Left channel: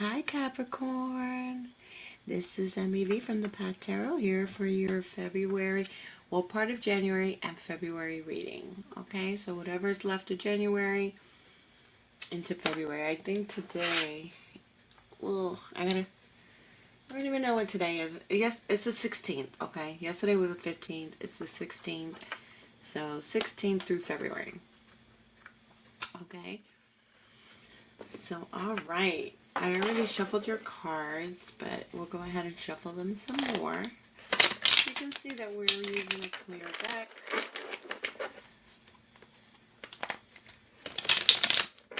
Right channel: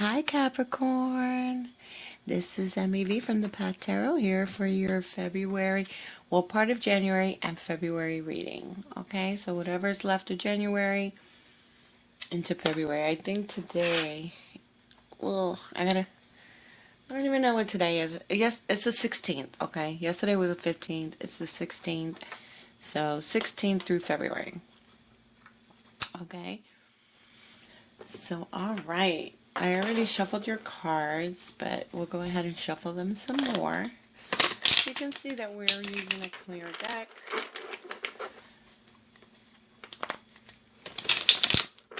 Hi Capricorn, this is MEV from the Path Tarot here for your February, well, part of January and February reading. Okay, so whatever's left of January into February. I think today, I don't even know what today is. Yes, it's the 16th, okay? Yesterday was the 15th, it's the 16th. So 16th through February. Okay, so all right. I already shuffled your cards, but we'll go ahead and shuffle them some more. You can see that we're using a clear deck.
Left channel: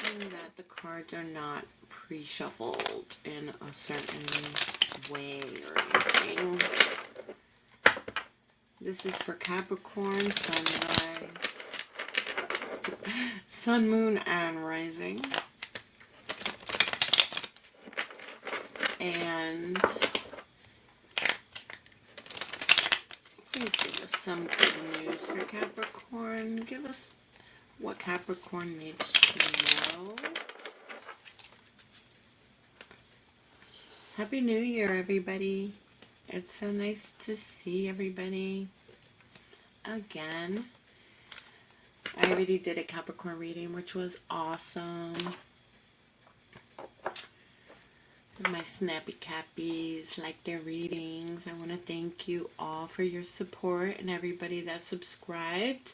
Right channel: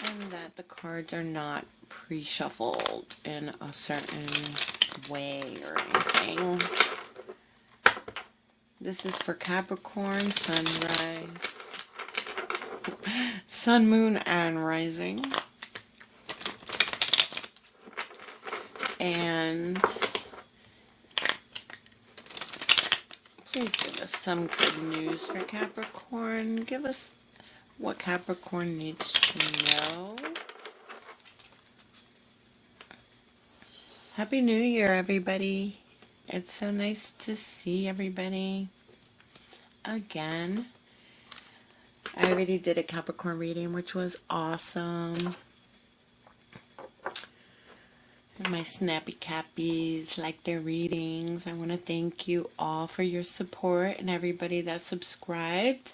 And that the cards are not pre-shuffled in a certain way or anything. This is for Capricorn, sunrise, sun, moon, and rising. And please give us some good news for Capricorn. Give us what Capricorn needs to know. Happy New Year, everybody. It's so nice to see everybody again. I already did a Capricorn reading, which was awesome. My snappy Cappies like their readings. I want to thank you all for your support and everybody that subscribed.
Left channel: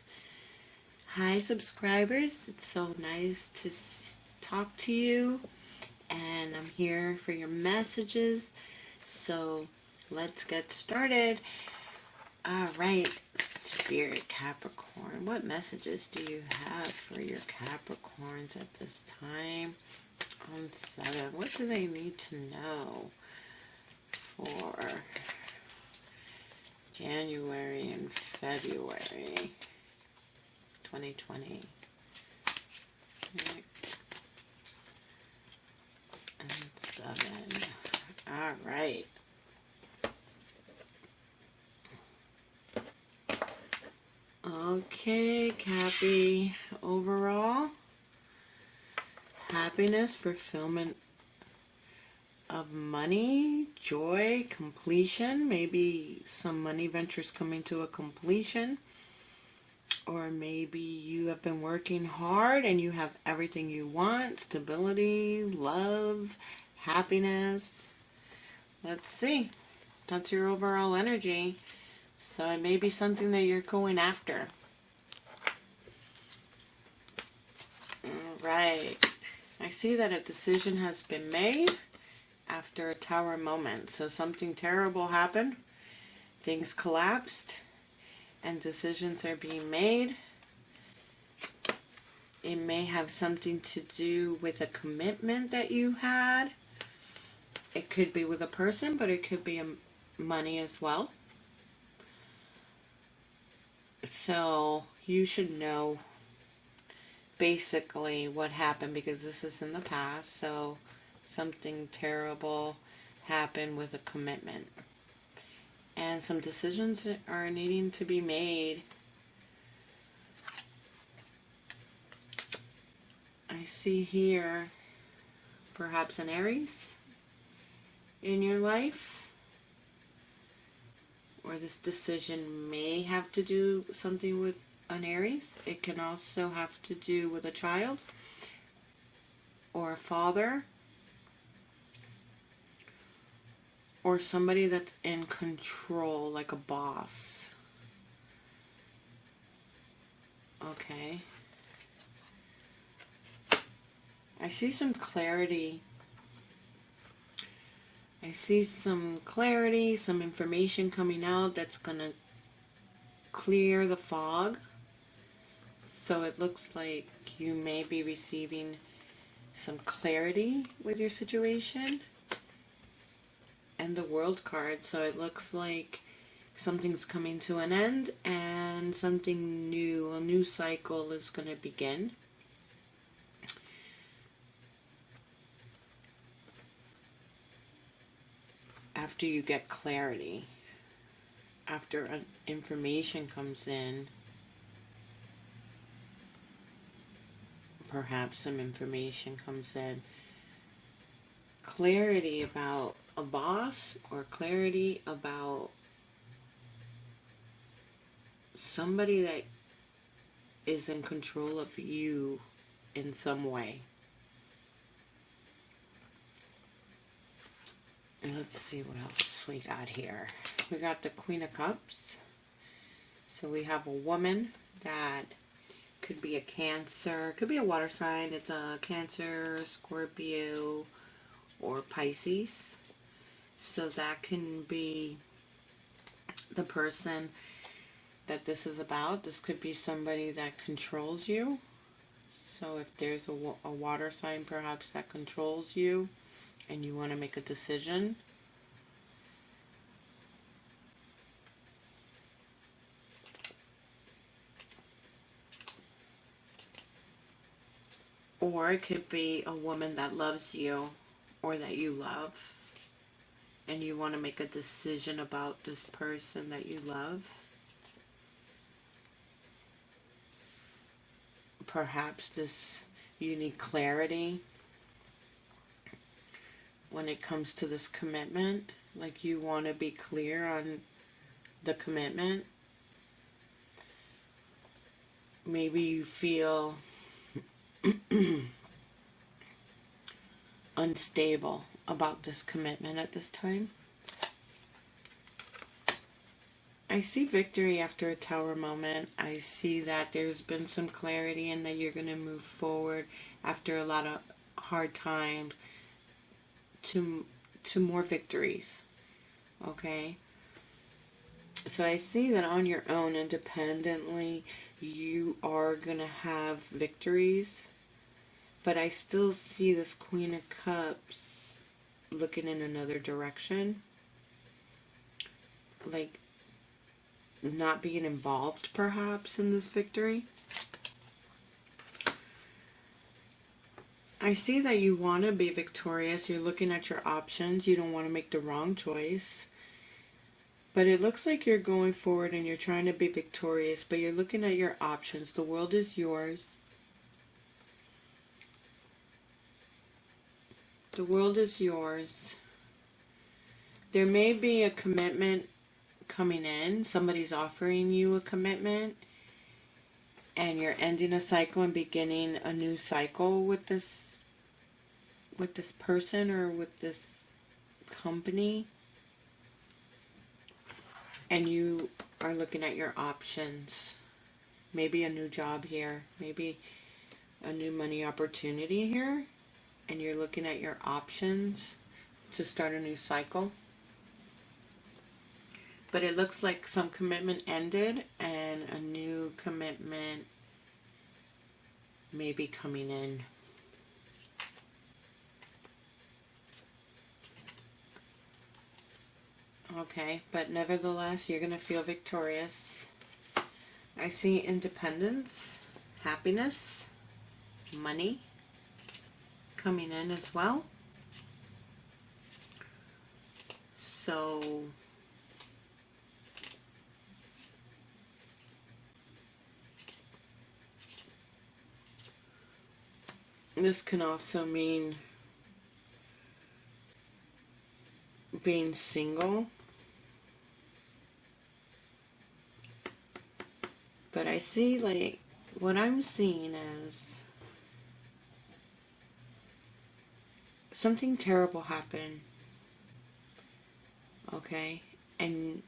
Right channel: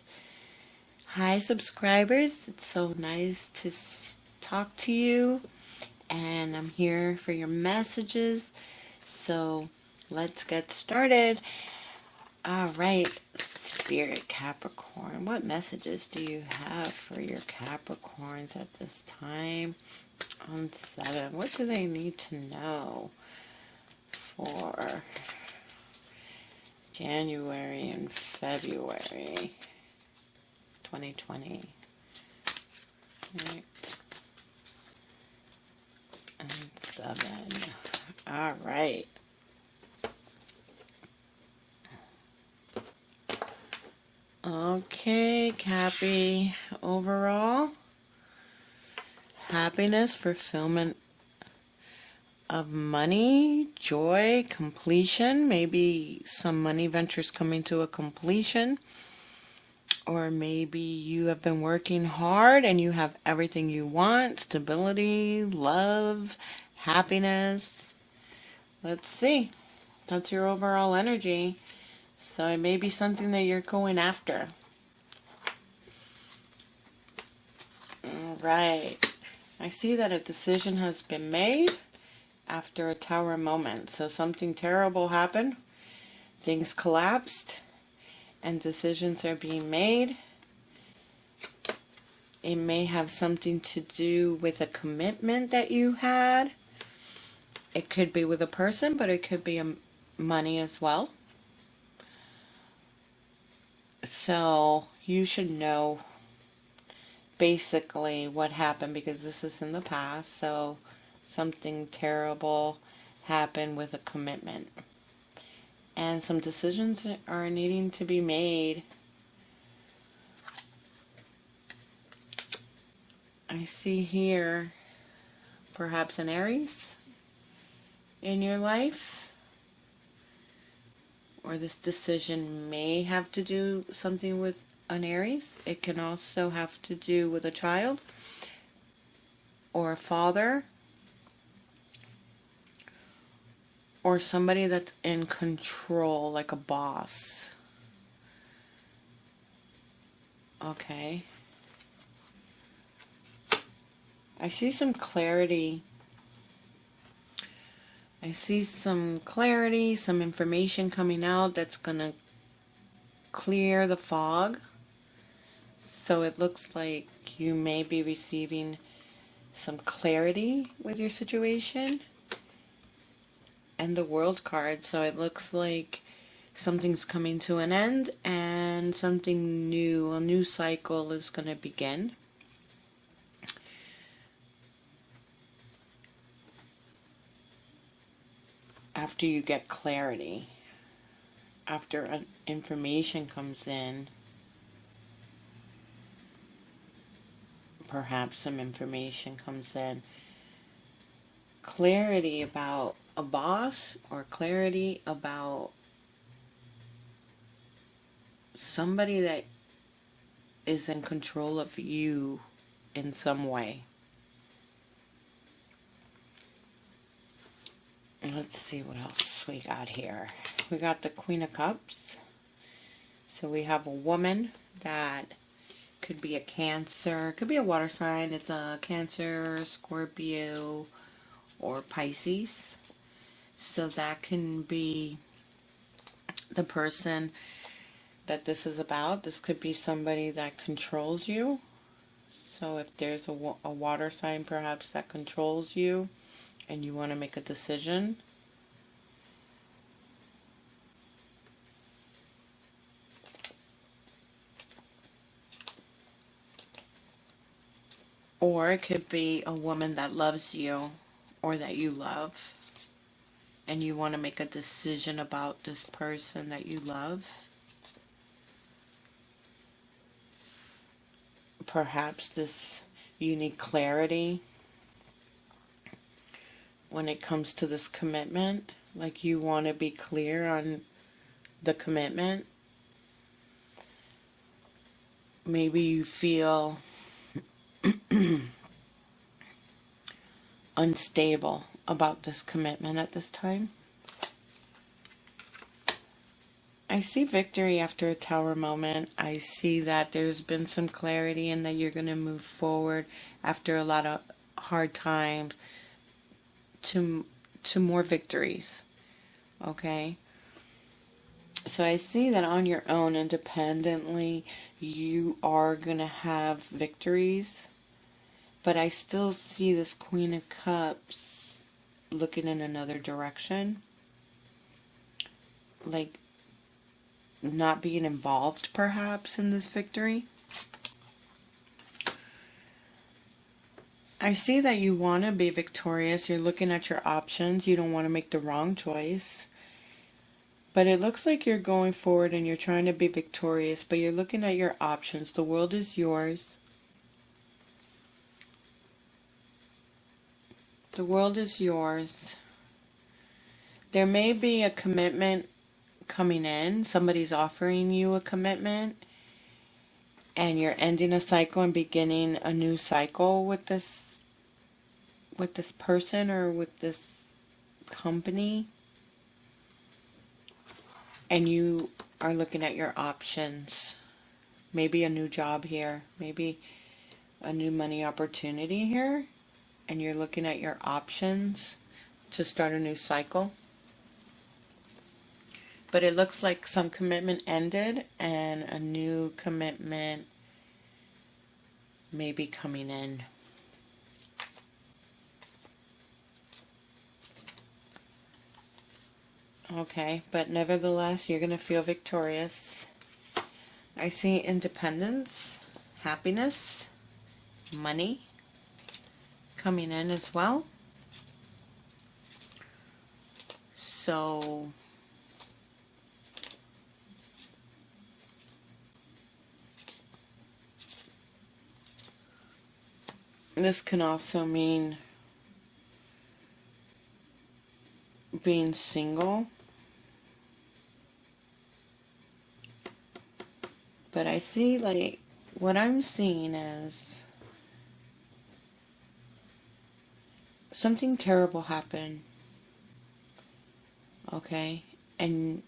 Hi subscribers, it's so nice to talk to you, and I'm here for your messages. So let's get started. All right, Spirit Capricorn, what messages do you have for your Capricorns at this time? On 7, what do they need to know for January and February 2020? Okay. And 7. All right. Okay, Cappy. Overall, happiness, fulfillment of money, joy, completion. Maybe some money ventures coming to a completion. Or maybe you have been working hard and you have everything you want. Stability, love, happiness. Let's see. That's your overall energy. So it may be something that you're going after. All right. I see that a decision has been made after a tower moment. So something terrible happened. Things collapsed and decisions are being made. It may have something to do with a commitment that you had. It could be with a person, but it could be money as well. So you should know basically what happened, because this is in the past. So something terrible happened with a commitment, and some decisions are needing to be made. I see here perhaps an Aries in your life, or this decision may have to do something with an Aries. It can also have to do with a child or a father or somebody that's in control, like a boss. Okay. I see some clarity. I see some clarity, some information coming out that's going to clear the fog. So it looks like you may be receiving some clarity with your situation. And the World card. So it looks like something's coming to an end and something new, a new cycle is going to begin. After you get clarity, after information comes in, perhaps some information comes in, clarity about a boss or clarity about somebody that is in control of you in some way. Let's see what else we got here. We got the Queen of Cups. So we have a woman that could be a Cancer, could be a water sign. It's a Cancer, Scorpio, or Pisces. So that can be the person that this is about. This could be somebody that controls you. So if there's a water sign perhaps that controls you and you want to make a decision, or it could be a woman that loves you or that you love and you want to make a decision about this person that you love. Perhaps you need clarity when it comes to this commitment. Like you want to be clear on the commitment. Maybe you feel unstable about this commitment at this time. I see victory after a Tower moment. I see that there's been some clarity and that you're going to move forward after a lot of hard times to more victories. Okay? So I see that on your own, independently, you are going to have victories. But I still see this Queen of Cups looking in another direction. Like not being involved perhaps in this victory. I see that you want to be victorious. You're looking at your options. You don't want to make the wrong choice. But it looks like you're going forward and you're trying to be victorious, but you're looking at your options. The world is yours. The world is yours. There may be a commitment coming in. Somebody's offering you a commitment and you're ending a cycle and beginning a new cycle with this person or with this company. And you are looking at your options. Maybe a new job here. Maybe a new money opportunity here. And you're looking at your options to start a new cycle. But it looks like some commitment ended and a new commitment may be coming in. Okay, but nevertheless, you're going to feel victorious. I see independence, happiness, money coming in as well. So this can also mean being single. But I see, like, what I'm seeing is something terrible happened. Okay? And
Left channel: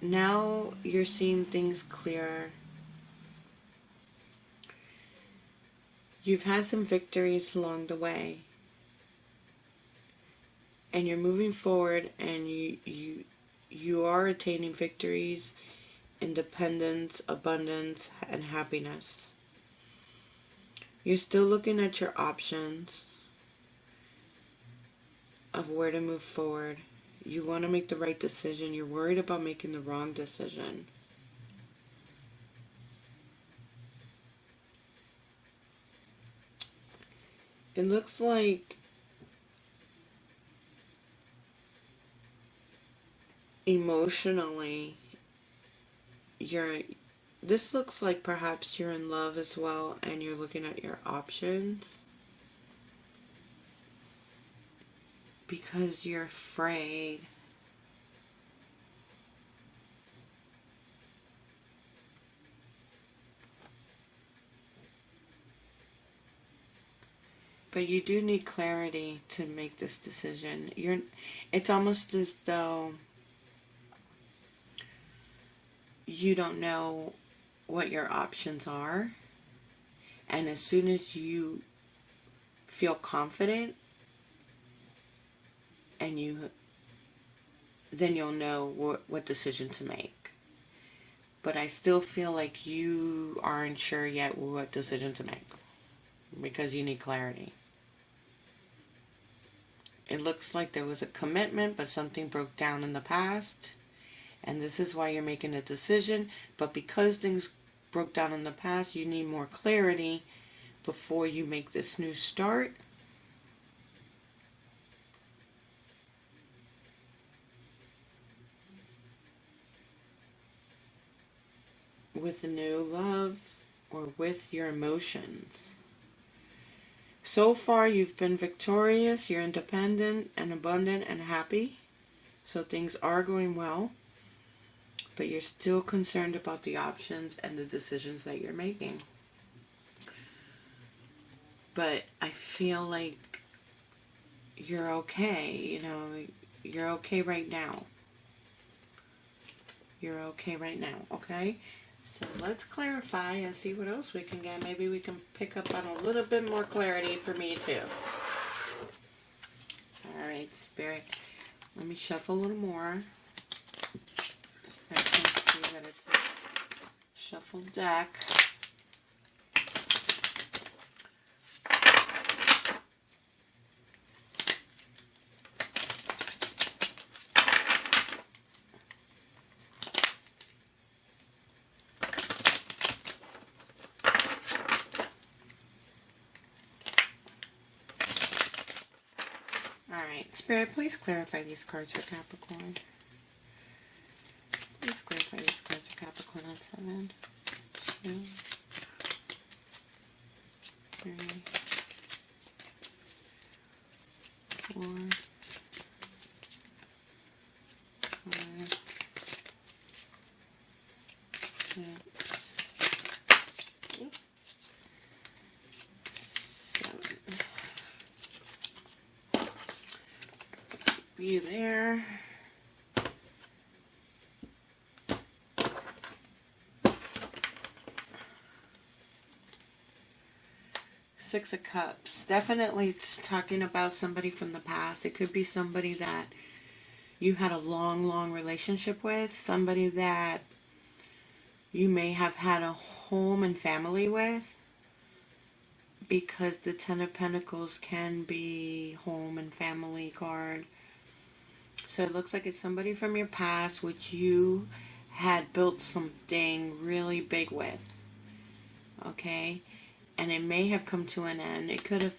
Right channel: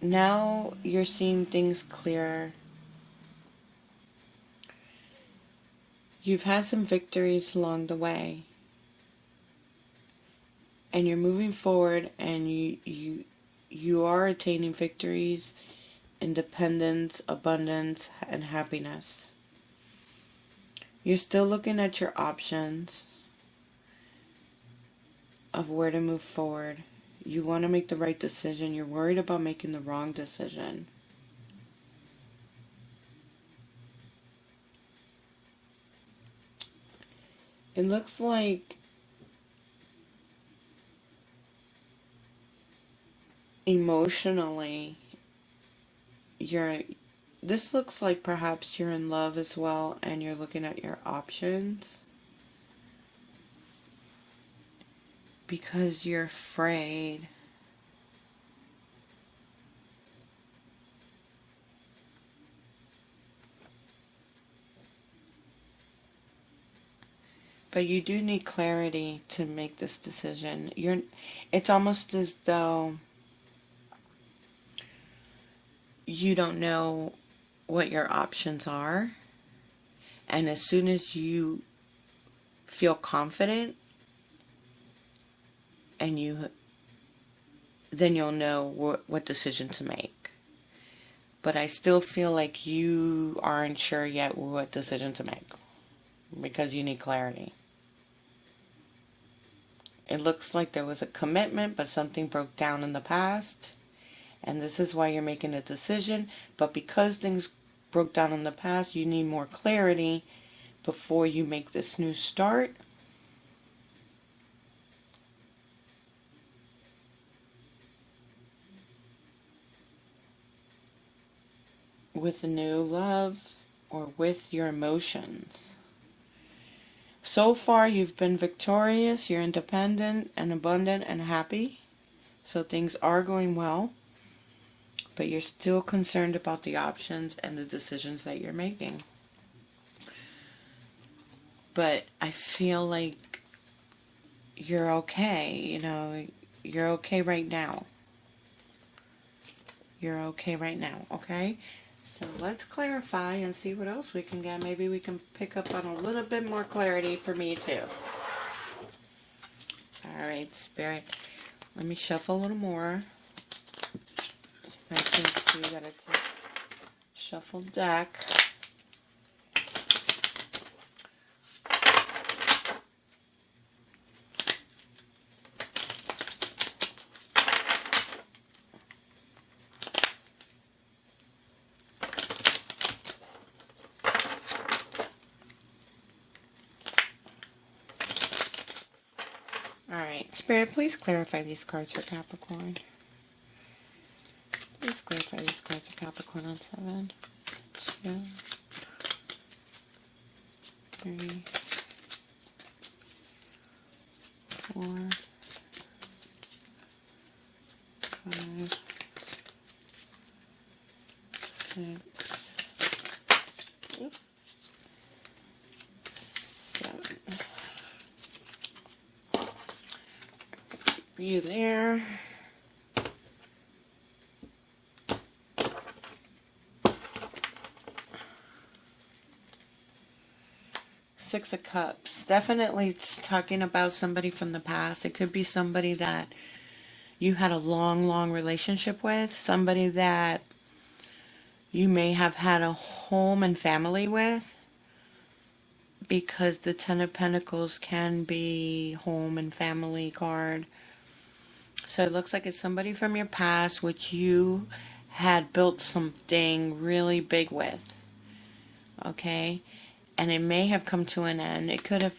now you're seeing things clearer. You've had some victories along the way. And you're moving forward and you are attaining victories, independence, abundance, and happiness. You're still looking at your options of where to move forward. You want to make the right decision. You're worried about making the wrong decision. It looks like emotionally this looks like perhaps you're in love as well and you're looking at your options. because you're afraid. But you do need clarity to make this decision. It's almost as though you don't know what your options are. And as soon as you feel confident, and then you'll know what decision to make. But I still feel like you aren't sure yet what decision to make, because you need clarity. It looks like there was a commitment, but something broke down in the past. And this is why you're making a decision. But because things broke down in the past, you need more clarity before you make this new start. With a new love or with your emotions. So far, you've been victorious, you're independent and abundant and happy. So things are going well. But you're still concerned about the options and the decisions that you're making. But I feel like you're okay. You're okay right now. You're okay right now, okay? So let's clarify and see what else we can get. Maybe we can pick up on a little bit more clarity for me too. All right, Spirit. Let me shuffle a little more. I can see that it's a shuffle deck. Spirit, please clarify these cards for Capricorn. Please clarify these cards for Capricorn on 7, 2, 3, 4, 5, 6, 7. You there. Six of Cups. Definitely it's talking about somebody from the past. It could be somebody that you had a long relationship with. Somebody that you may have had a home and family with. Because the Ten of Pentacles can be home and family card. So it looks like it's somebody from your past which you had built something really big with. Okay? And it may have come to an end. It could have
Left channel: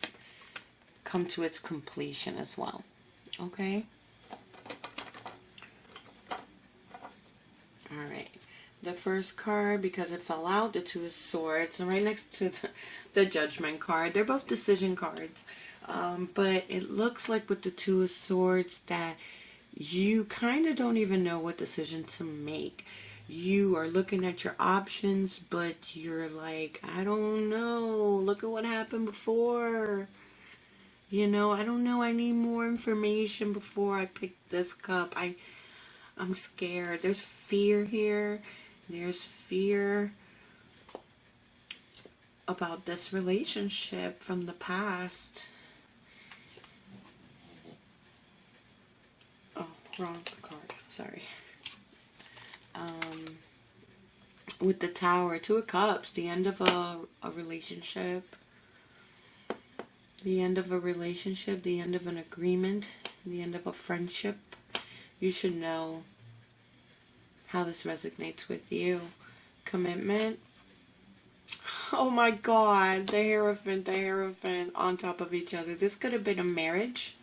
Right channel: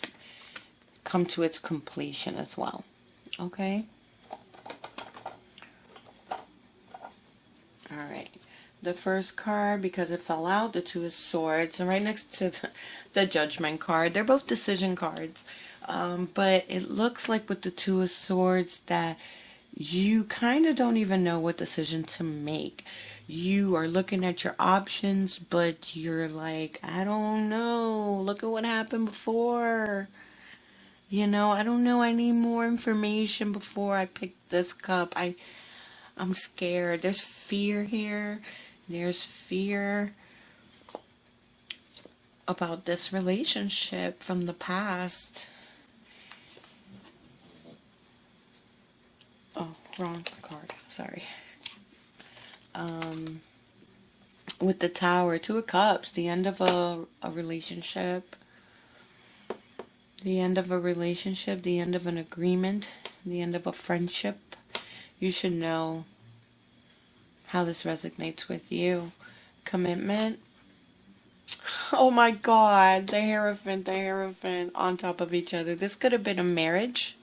come to its completion as well. Okay? Alright. The first card, because it fell out, the Two of Swords. And right next to the Judgment card. They're both decision cards. But it looks like with the Two of Swords that you kind of don't even know what decision to make. You are looking at your options, but you're like, I don't know. Look at what happened before. I don't know. I need more information before I pick this cup. I'm scared. There's fear here. There's fear about this relationship from the past. Oh, wrong card. Sorry. With the Tower, Two of Cups, the end of a relationship. The end of a relationship, the end of an agreement, the end of a friendship. You should know how this resonates with you. Commitment. Oh my God, the Hierophant on top of each other. This could have been a marriage.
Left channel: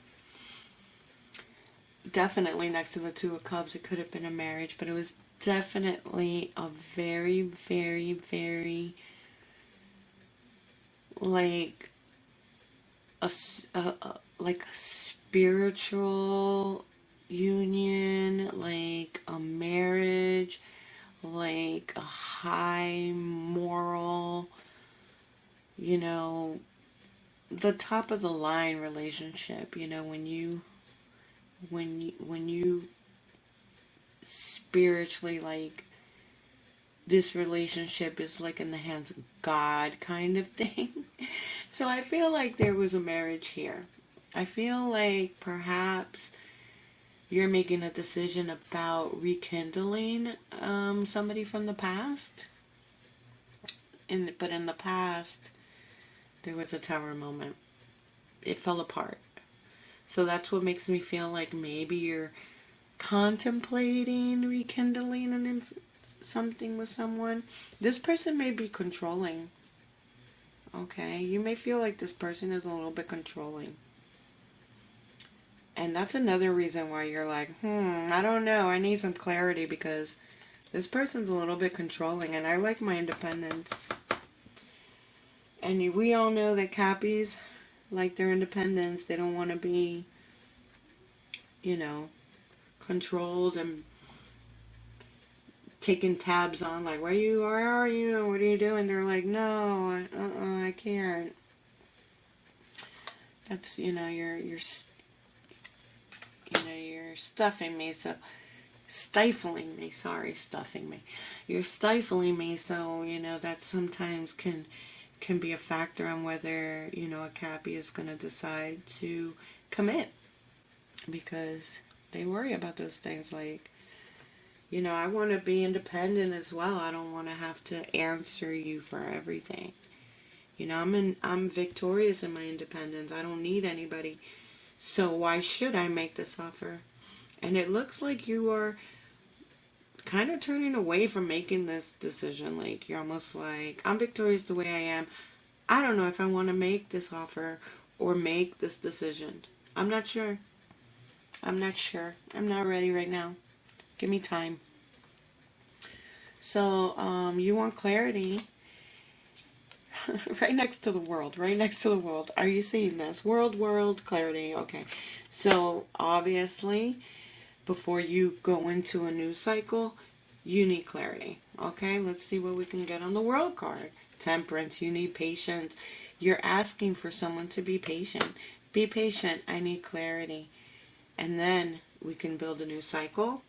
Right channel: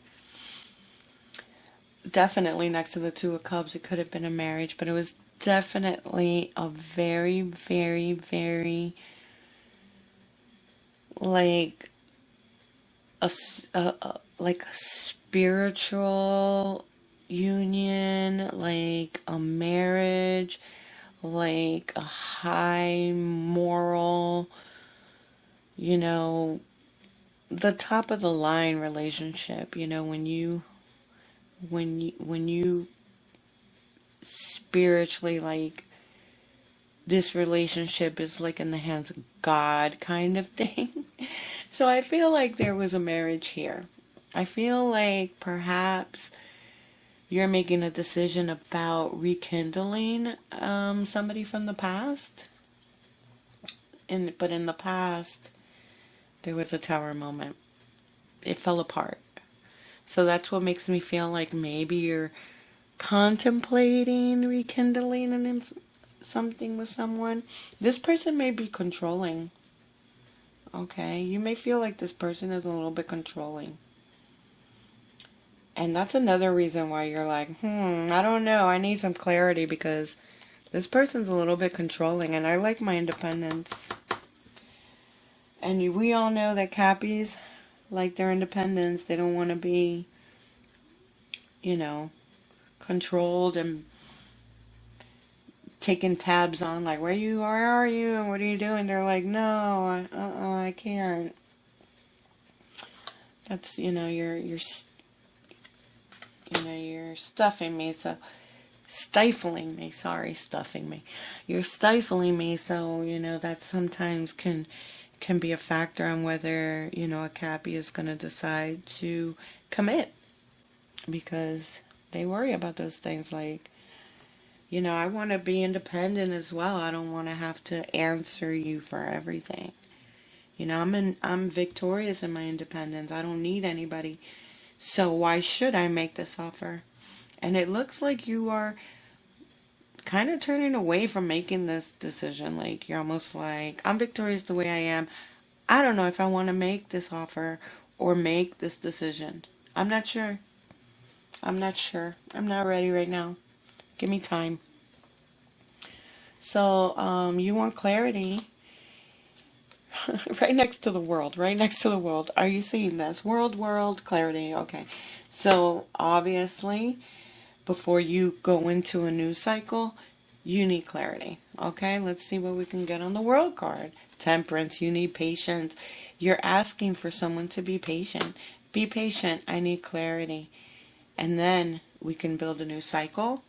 Definitely next to the Two of Cups, it could have been a marriage, but it was definitely a very, very, very, like a spiritual union, like a marriage, like a high moral, you know, the top of the line relationship, you know, when you spiritually, like, this relationship is like in the hands of God kind of thing. So I feel like there was a marriage here. I feel like perhaps you're making a decision about rekindling somebody from the past. But in the past, there was a tower moment. It fell apart. So that's what makes me feel like maybe you're contemplating rekindling something with someone. This person may be controlling. Okay? You may feel like this person is a little bit controlling. And that's another reason why you're like, I don't know. I need some clarity because this person's a little bit controlling and I like my independence. And we all know that Cappies like their independence. They don't want to be, you know, controlled and taking tabs on, like, where are you, and what are you doing? They're like, no, I can't. That's, you're stuffing me, so stifling me. Sorry, stuffing me. You're stifling me, so that sometimes can be a factor on whether a Cappy is going to decide to commit, because they worry about those things. Like, I want to be independent as well. I don't want to have to answer you for everything. I'm victorious in my independence. I don't need anybody. So why should I make this offer? And it looks like you are kind of turning away from making this decision. Like, you're almost like, I'm victorious the way I am. I don't know if I want to make this offer or make this decision. I'm not sure. I'm not ready right now. Give me time. So, you want clarity. Right next to the world. Right next to the world. Are you seeing this? World, clarity. Okay. So, obviously, before you go into a new cycle, you need clarity. Okay? Let's see what we can get on the world card. Temperance. You need patience. You're asking for someone to be patient. Be patient. I need clarity. And then we can build a new cycle.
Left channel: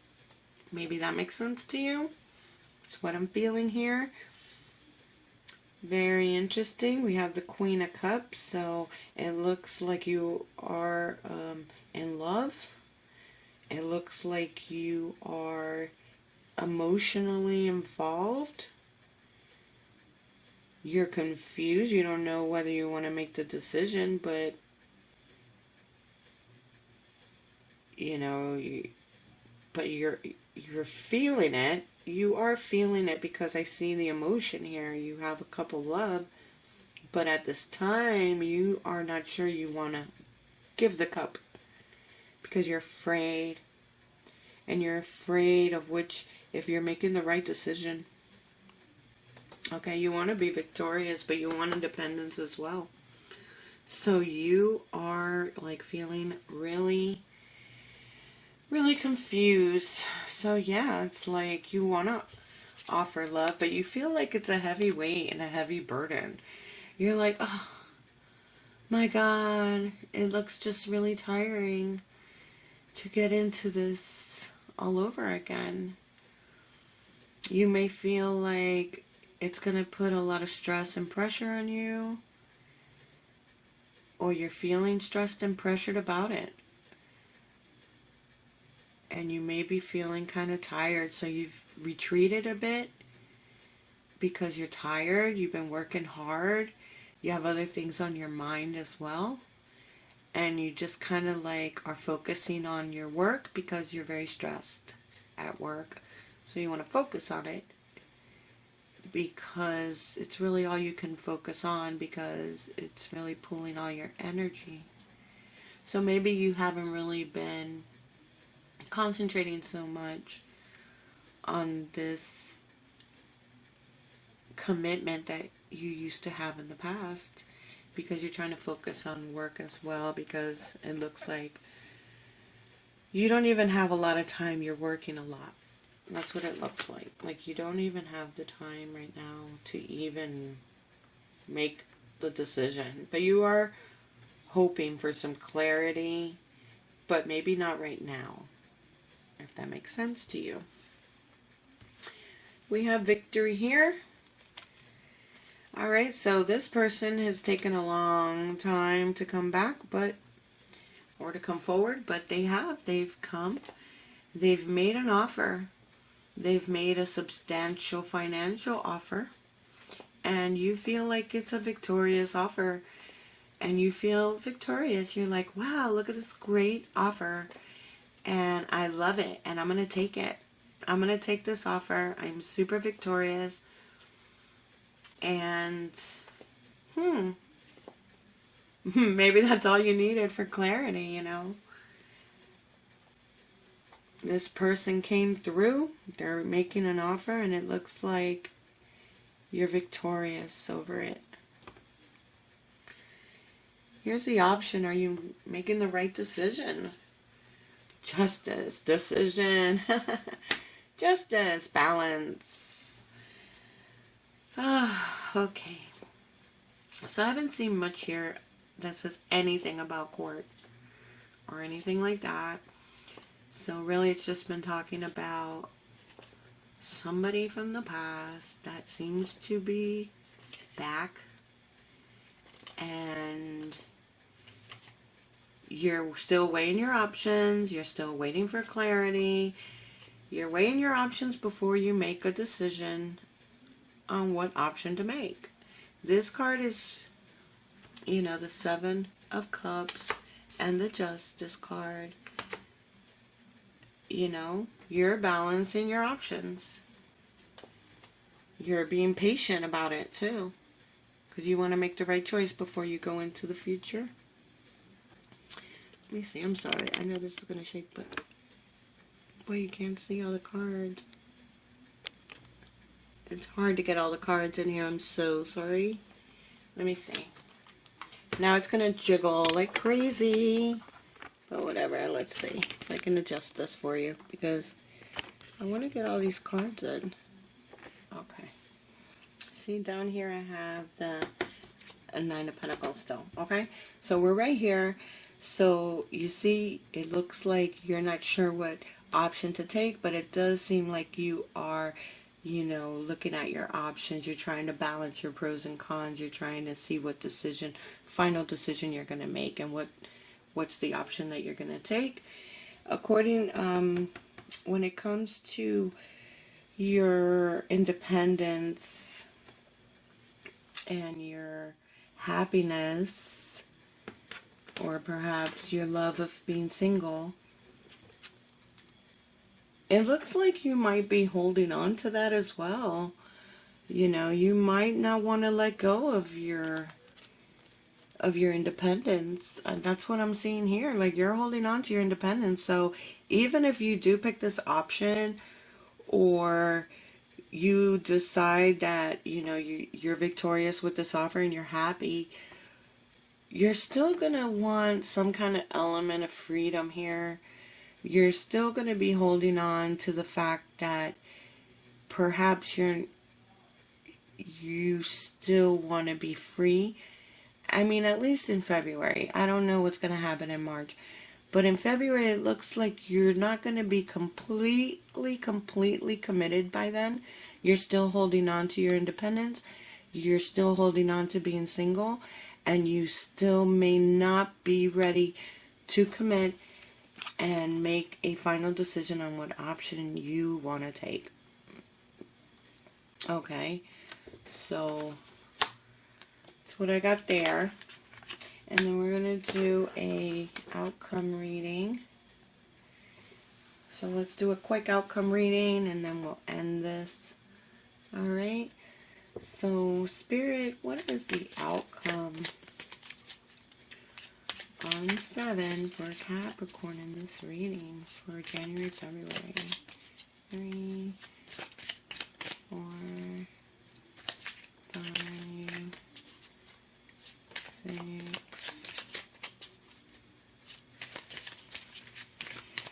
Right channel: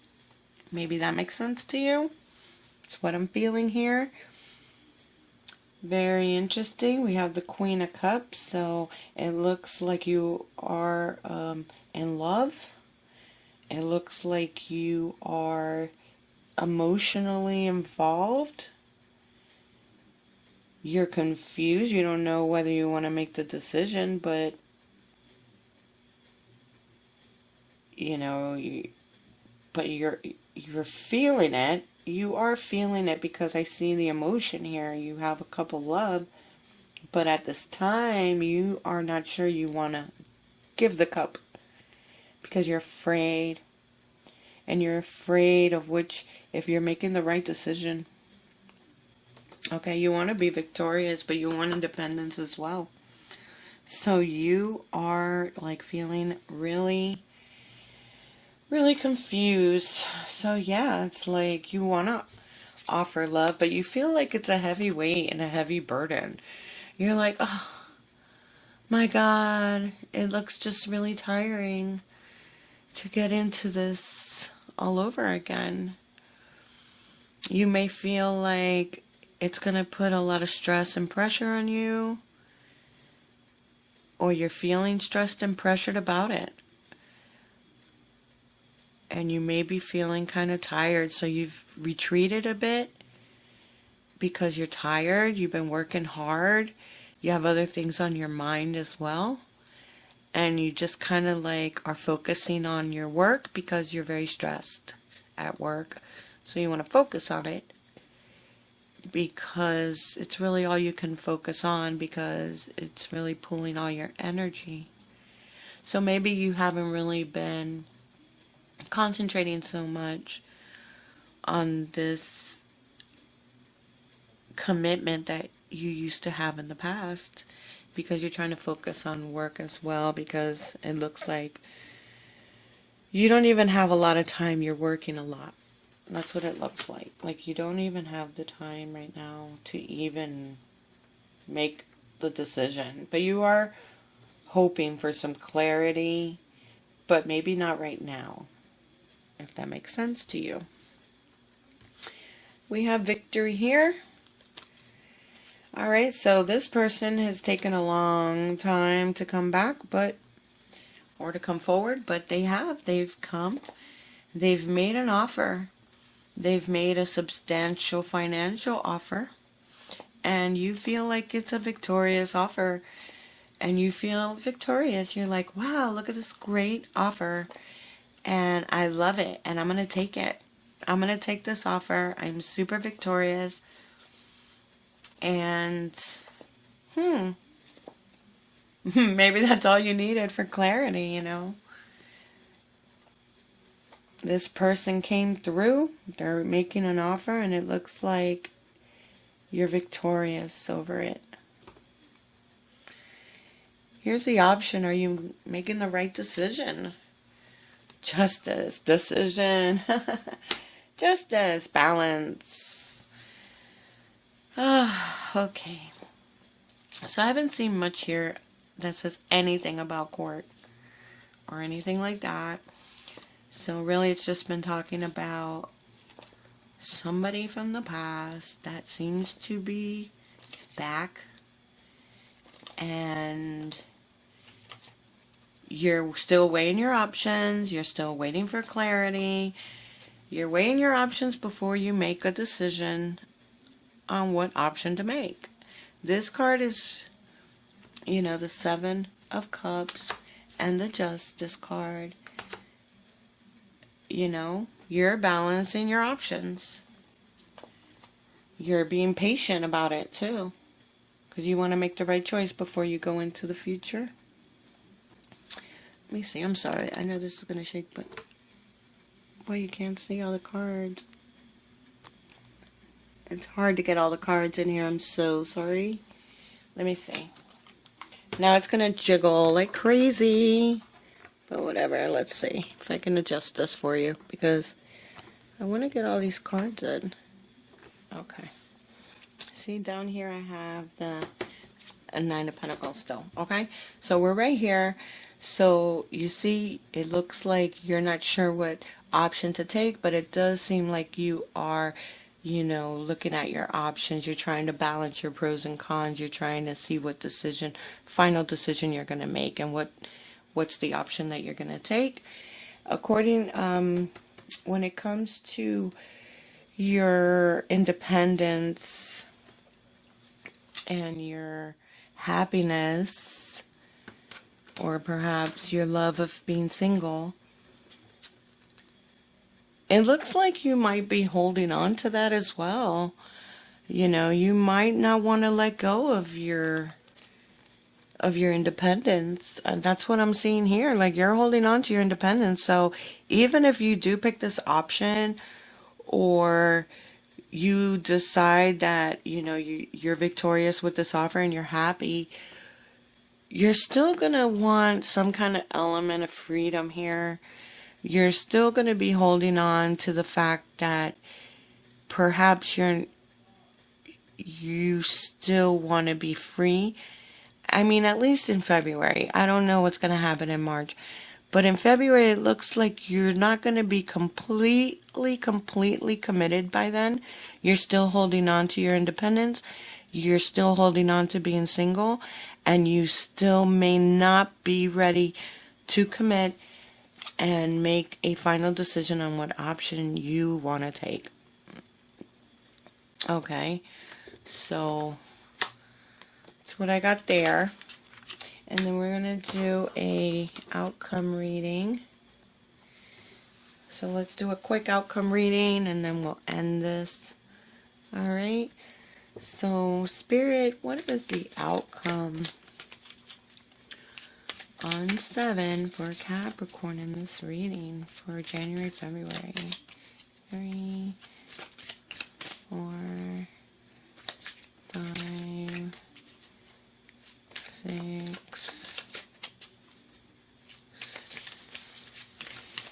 Maybe that makes sense to you. It's what I'm feeling here. Very interesting. We have the Queen of Cups, so it looks like you are in love. It looks like you are emotionally involved. You're confused. You don't know whether you want to make the decision, but you're feeling it. You are feeling it because I see the emotion here. You have a cup of love, but at this time, you are not sure you want to give the cup because you're afraid. And you're afraid of if you're making the right decision. Okay, you want to be victorious, but you want independence as well. So you are like feeling really, really confused. So yeah, it's like you want to offer love, but you feel like it's a heavy weight and a heavy burden. You're like, oh my God, it looks just really tiring to get into this all over again. You may feel like it's going to put a lot of stress and pressure on you, or you're feeling stressed and pressured about it. And you may be feeling kind of tired, so you've retreated a bit because you're tired, you've been working hard, you have other things on your mind as well, and you just kind of like are focusing on your work because you're very stressed at work. So you want to focus on it because it's really all you can focus on, because it's really pulling all your energy. So maybe you haven't really been concentrating so much on this commitment that you used to have in the past, because you're trying to focus on work as well, because it looks like you don't even have a lot of time. You're working a lot. That's what it looks like. Like you don't even have the time right now to even make the decision. But you are hoping for some clarity, but maybe not right now, if that makes sense to you. We have victory here. All right, so this person has taken a long time to come back, or to come forward, but they've come. They've made an offer. They've made a substantial financial offer, and you feel like it's a victorious offer, and you feel victorious. You're like, wow, look at this great offer, and I love it, and I'm going to take it. I'm going to take this offer. I'm super victorious, and maybe that's all you needed for clarity, you know. This person came through. They're making an offer, and it looks like you're victorious over it. Here's the option. Are you making the right decision? Justice, decision, justice, balance. Okay. So I haven't seen much here that says anything about court or anything like that. So really it's just been talking about somebody from the past that seems to be back, and you're still weighing your options. You're still waiting for clarity. You're weighing your options before you make a decision on what option to make. This card is, you know, the Seven of Cups and the Justice card. You know, you're balancing your options. You're being patient about it too, because you want to make the right choice before you go into the future. Let me see. I'm sorry. I know this is going to shake, but boy, you can't see all the cards. It's hard to get all the cards in here. I'm so sorry. Let me see. Now it's going to jiggle like crazy. But whatever. Let's see if I can adjust this for you, because I want to get all these cards in. Okay. See, down here I have a Nine of Pentacles still. Okay. So we're right here. So you see, it looks like you're not sure what option to take, but it does seem like you are, you know, looking at your options. You're trying to balance your pros and cons. You're trying to see what final decision you're going to make, and what's the option that you're going to take. According, when it comes to your independence and your happiness, or perhaps your love of being single, it looks like you might be holding on to that as well. You know, you might not want to let go of your independence. And that's what I'm seeing here. Like, you're holding on to your independence. So even if you do pick this option, or you decide that, you know, you're victorious with this offer and you're happy, you're still going to want some kind of element of freedom here. You're still going to be holding on to the fact that perhaps you still want to be free. I mean, at least in February. I don't know what's going to happen in March. But in February, it looks like you're not going to be completely committed by then. You're still holding on to your independence. You're still holding on to being single. And you still may not be ready to commit and make a final decision on what option you want to take. Okay. So that's what I got there. And then we're going to do a outcome reading. So let's do a quick outcome reading, and then we'll end this. All right. So, Spirit, what is the outcome on 7 for Capricorn in this reading for January, February? 3, 4, 5, 6,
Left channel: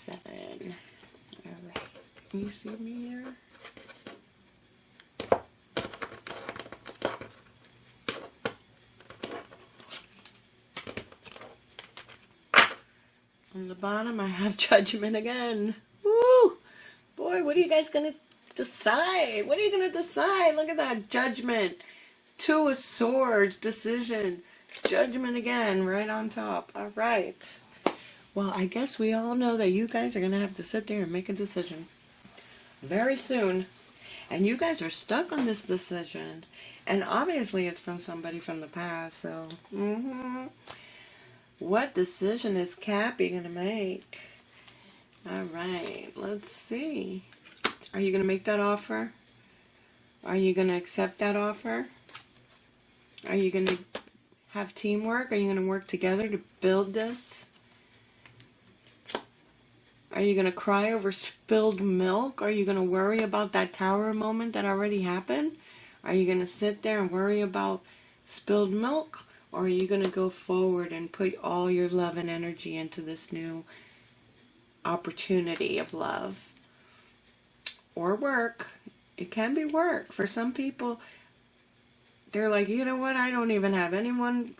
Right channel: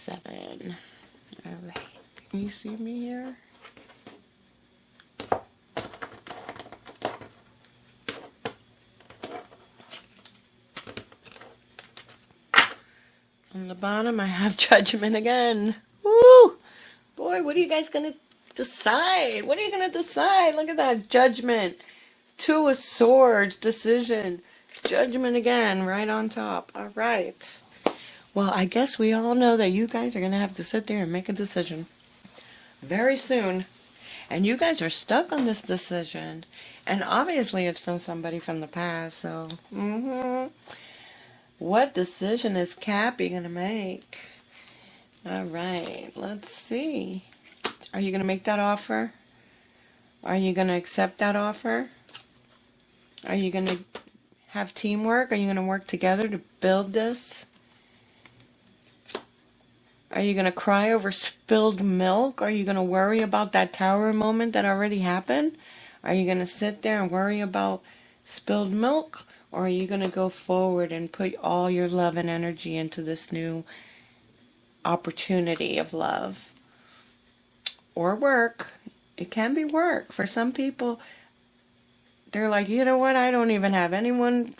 7. Can you see me here? On the bottom, I have judgment again. Woo! Boy, what are you guys going to decide? What are you going to decide? Look at that. Judgment. 2 of swords. Decision. Judgment again. Right on top. All right. Well, I guess we all know that you guys are going to have to sit there and make a decision very soon. And you guys are stuck on this decision. And obviously it's from somebody from the past. So, what decision is Cappy going to make? All right, let's see. Are you going to make that offer? Are you going to accept that offer? Are you going to have teamwork? Are you going to work together to build this? Are you going to cry over spilled milk? Are you going to worry about that tower moment that already happened? Are you going to sit there and worry about spilled milk? Or are you going to go forward and put all your love and energy into this new opportunity of love? Or work. It can be work. For some people, they're like, you know what? I don't even have anyone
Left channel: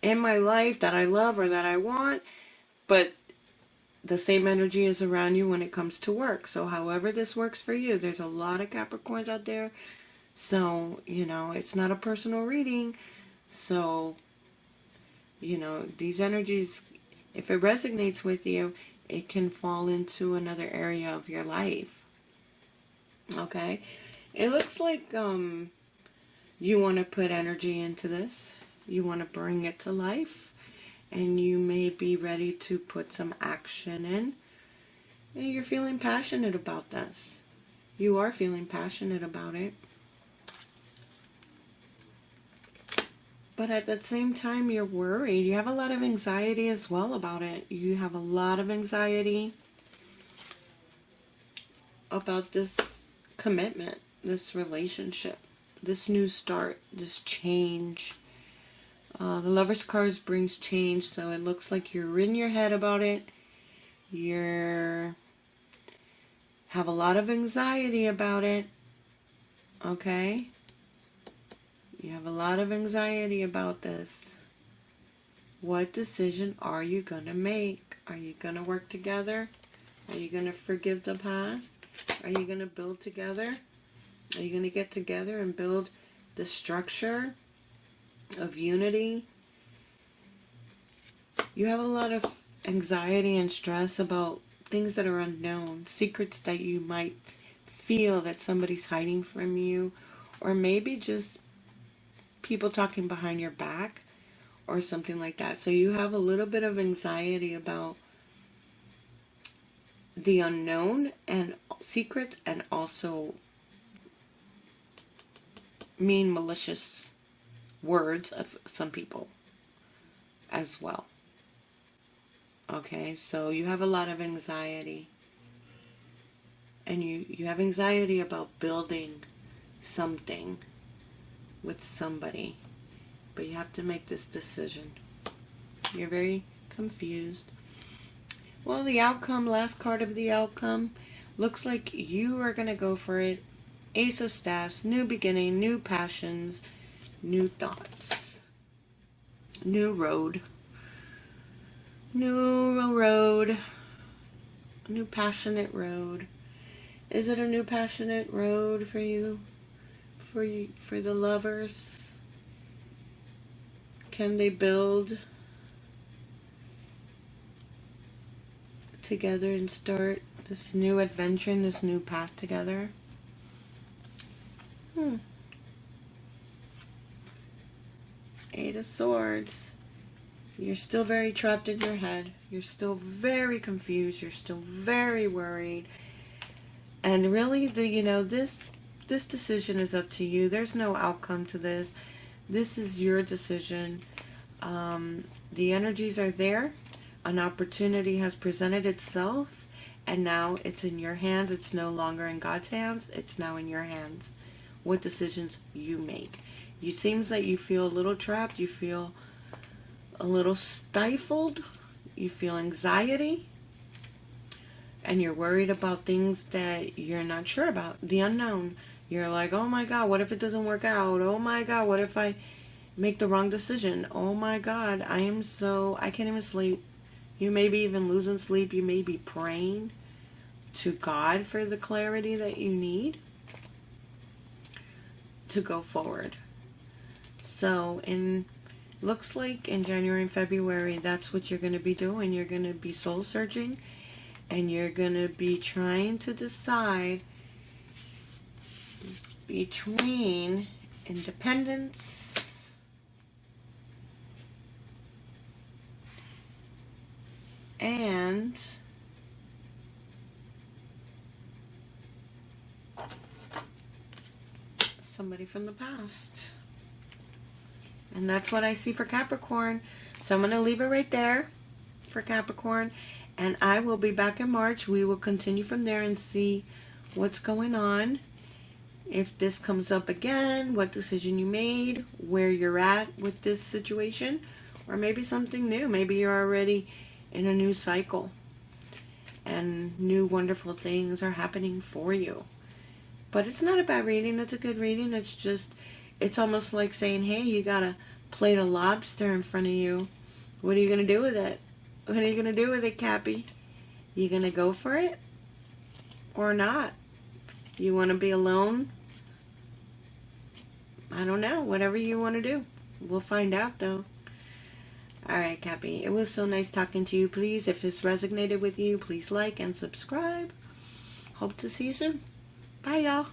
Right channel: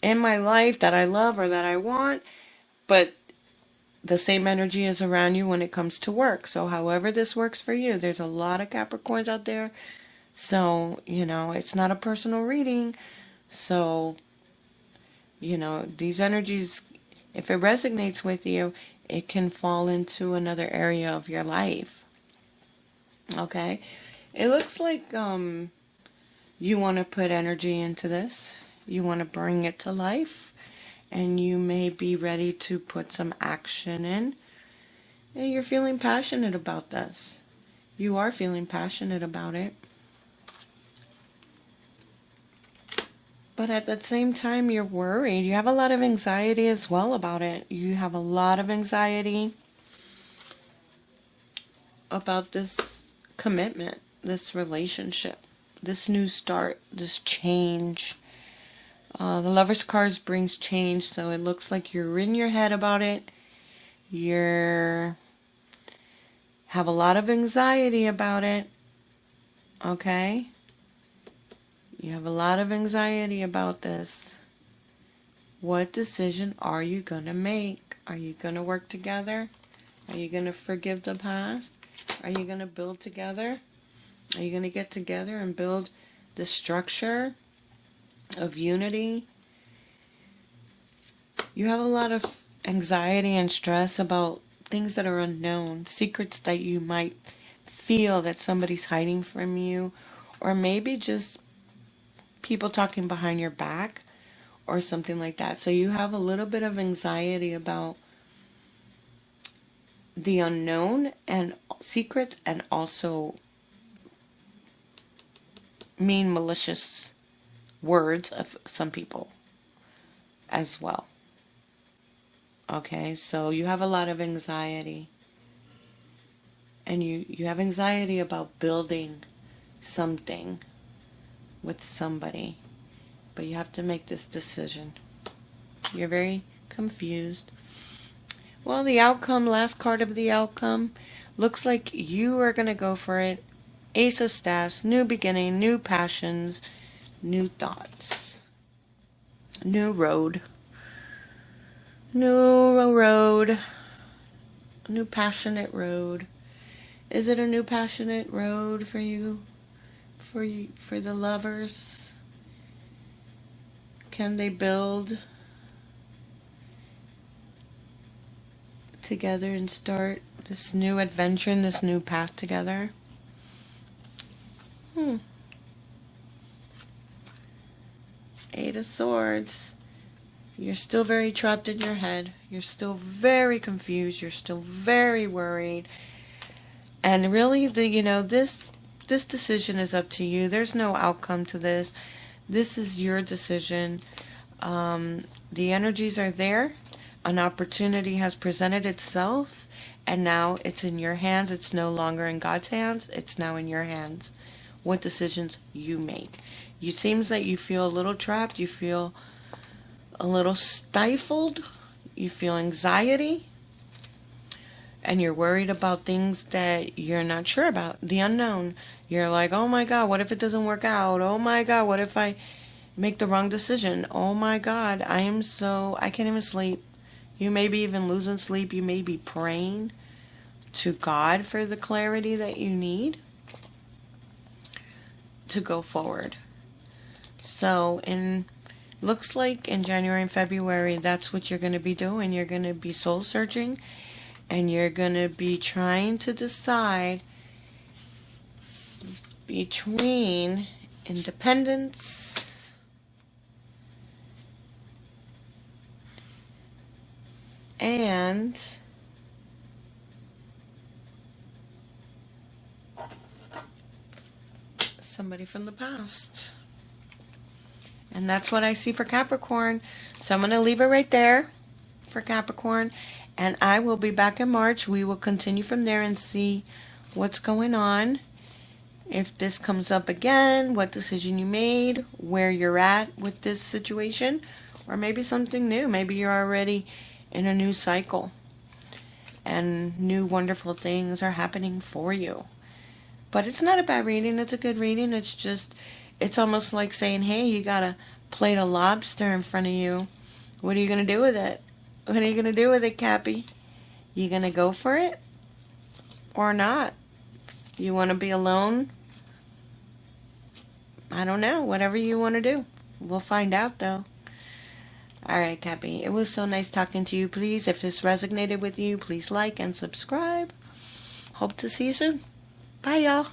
in my life that I love or that I want. But the same energy is around you when it comes to work. So however this works for you, there's a lot of Capricorns out there. So, it's not a personal reading. So, these energies, if it resonates with you, it can fall into another area of your life. Okay? It looks like you want to put energy into this. You want to bring it to life. And you may be ready to put some action in. And you're feeling passionate about this. You are feeling passionate about it. But at the same time, you're worried. You have a lot of anxiety as well about it. You have a lot of anxiety about this commitment, this relationship, this new start, this change. The Lover's cards brings change, so it looks like you're in your head about it. You have a lot of anxiety about it. Okay? You have a lot of anxiety about this. What decision are you going to make? Are you going to work together? Are you going to forgive the past? Are you going to build together? Are you going to get together and build the structure of unity? You have a lot of anxiety and stress about things that are unknown, secrets that you might feel that somebody's hiding from you, or maybe just people talking behind your back or something like that. So you have a little bit of anxiety about the unknown and secrets, and also mean, malicious words of some people as well. Okay, so you have a lot of anxiety. And you have anxiety about building something with somebody. But you have to make this decision. You're very confused. Well, the outcome, last card of the outcome, looks like you are going to go for it. Ace of Staffs, new beginning, new passions, new thoughts. New road. New road. New passionate road. Is it a new passionate road for you? For the lovers? Can they build together and start this new adventure and this new path together? Eight of Swords. You're still very trapped in your head. You're still very confused. You're still very worried. And really, this decision is up to you. There's no outcome to this. This is your decision. The energies are there. An opportunity has presented itself, and now it's in your hands. It's no longer in God's hands. It's now in your hands. What decisions you make. It seems that you feel a little trapped. You feel a little stifled. You feel anxiety. and you're worried about things that you're not sure about, the unknown. You're like, oh my God, what if it doesn't work out? Oh my God, what if I make the wrong decision? Oh my God, I can't even sleep. You may be even losing sleep. You may be praying to God for the clarity that you need to go forward. So looks like in January and February, that's what you're going to be doing. You're going to be soul searching, and you're going to be trying to decide between independence and somebody from the past. And that's what I see for Capricorn. So I'm going to leave it right there for Capricorn. And I will be back in March. We will continue from there and see what's going on. If this comes up again, what decision you made, where you're at with this situation, or maybe something new. Maybe you're already in a new cycle and new wonderful things are happening for you. But it's not a bad reading. It's a good reading. It's almost like saying, hey, you got a plate of lobster in front of you. What are you going to do with it? What are you going to do with it, Cappy? You going to go for it or not? You want to be alone? I don't know. Whatever you want to do. We'll find out, though. All right, Cappy. It was so nice talking to you. Please, if this resonated with you, please like and subscribe. Hope to see you soon. Bye, y'all.